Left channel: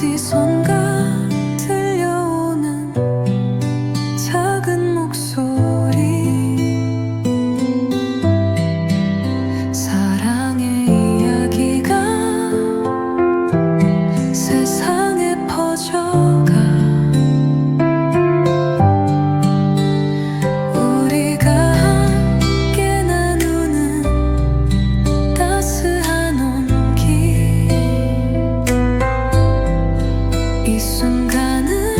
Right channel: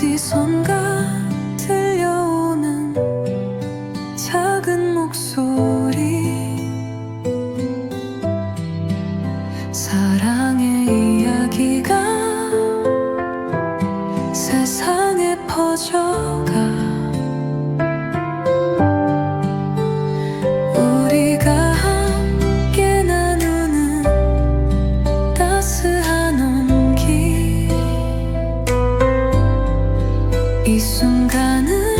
ti sono 순간을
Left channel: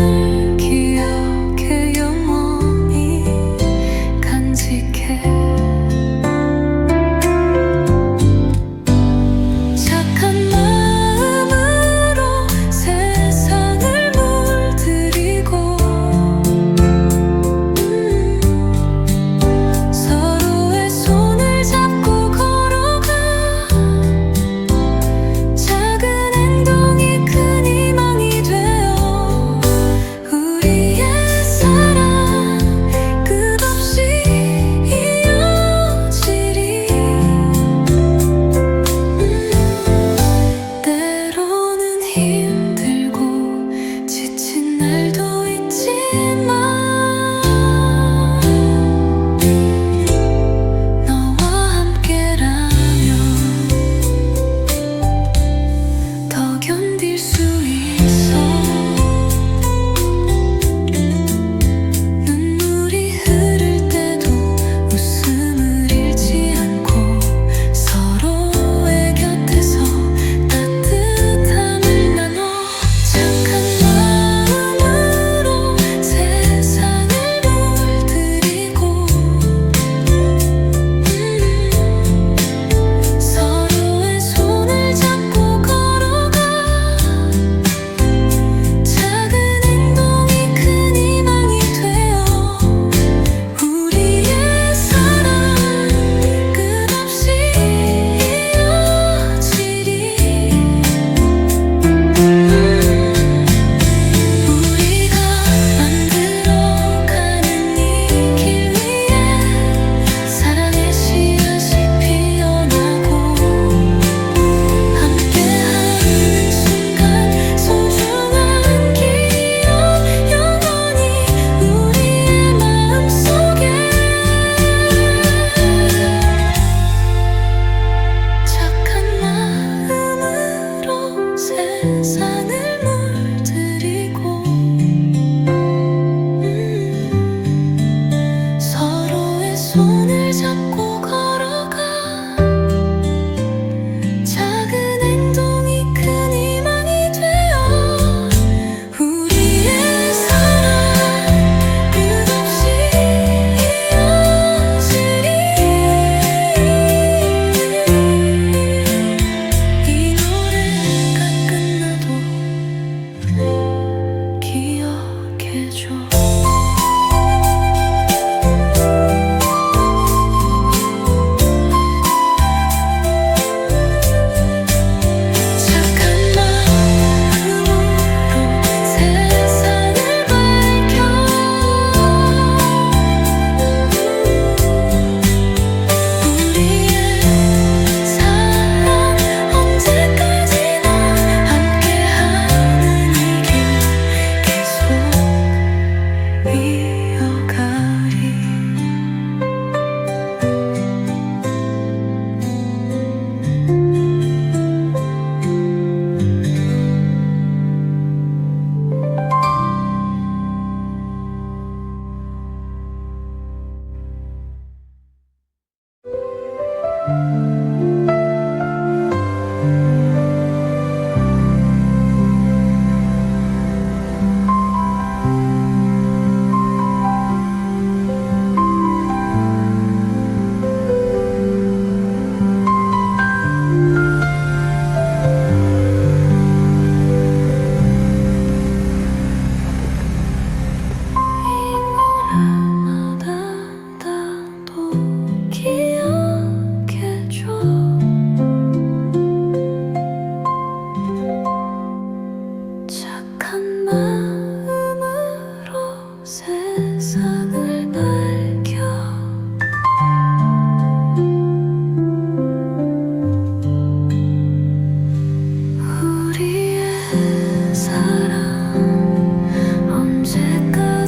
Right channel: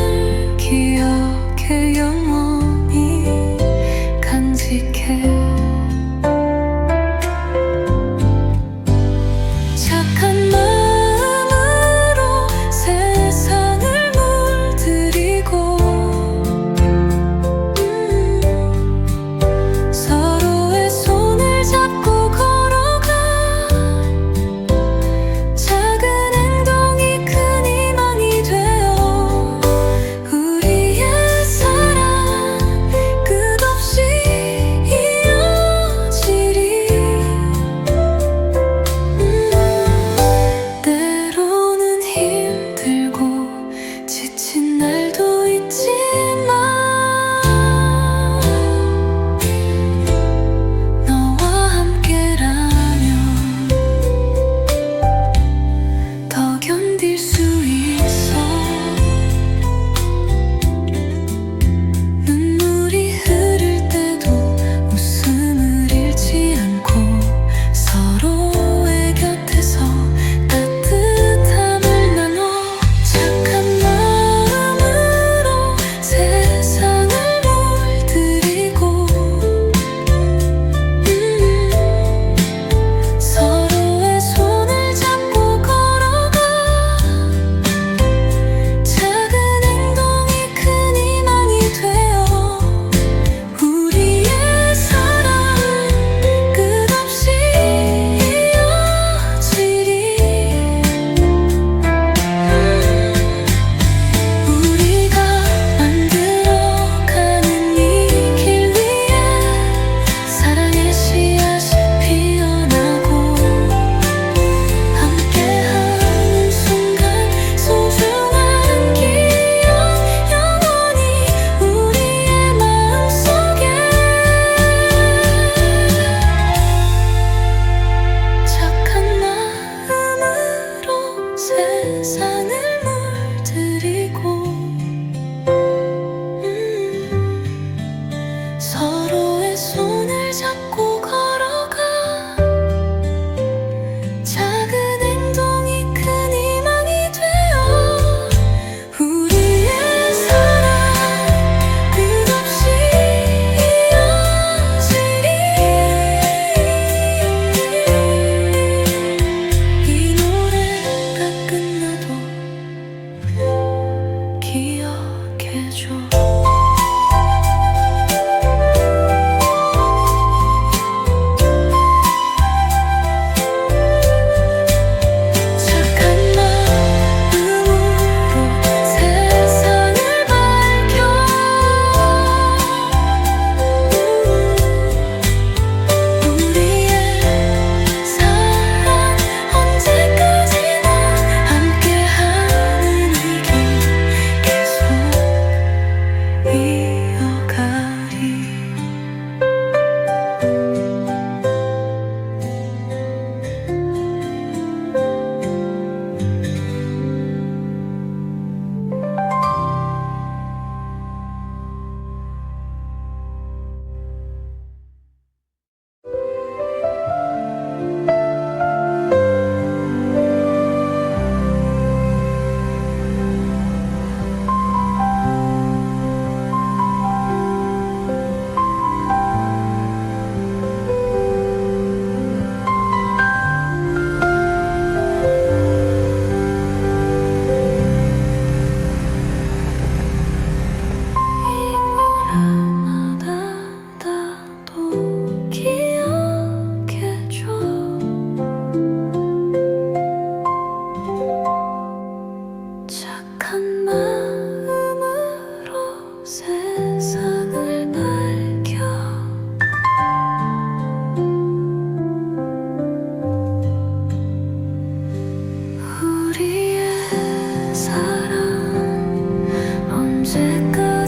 别久 here.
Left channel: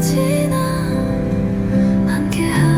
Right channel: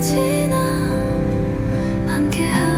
지나 함께한